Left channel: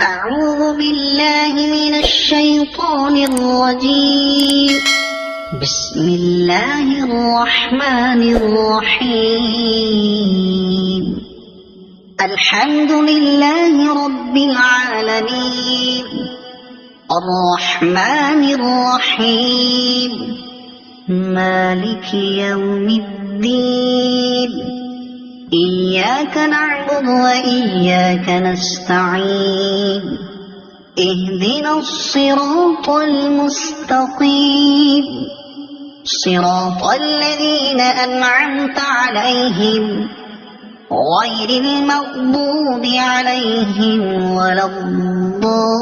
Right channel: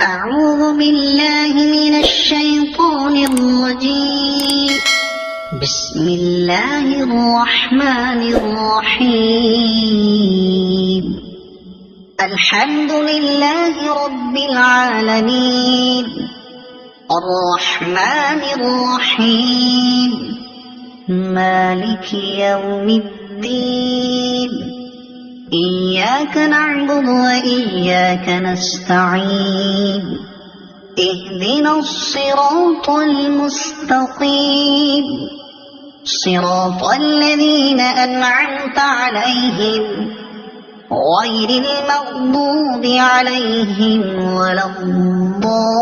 أعوذ بالله من الشيطان الرجيم. بسم الله الرحمن الرحيم. الحمد لله رب العالمين، الرحمن الرحيم، مالك يوم الدين. إياك نعبد وإياك نستعين. اهدنا الصراط المستقيم، صراط الذين أنعمت عليهم غير المغضوب عليهم ولا الضالين.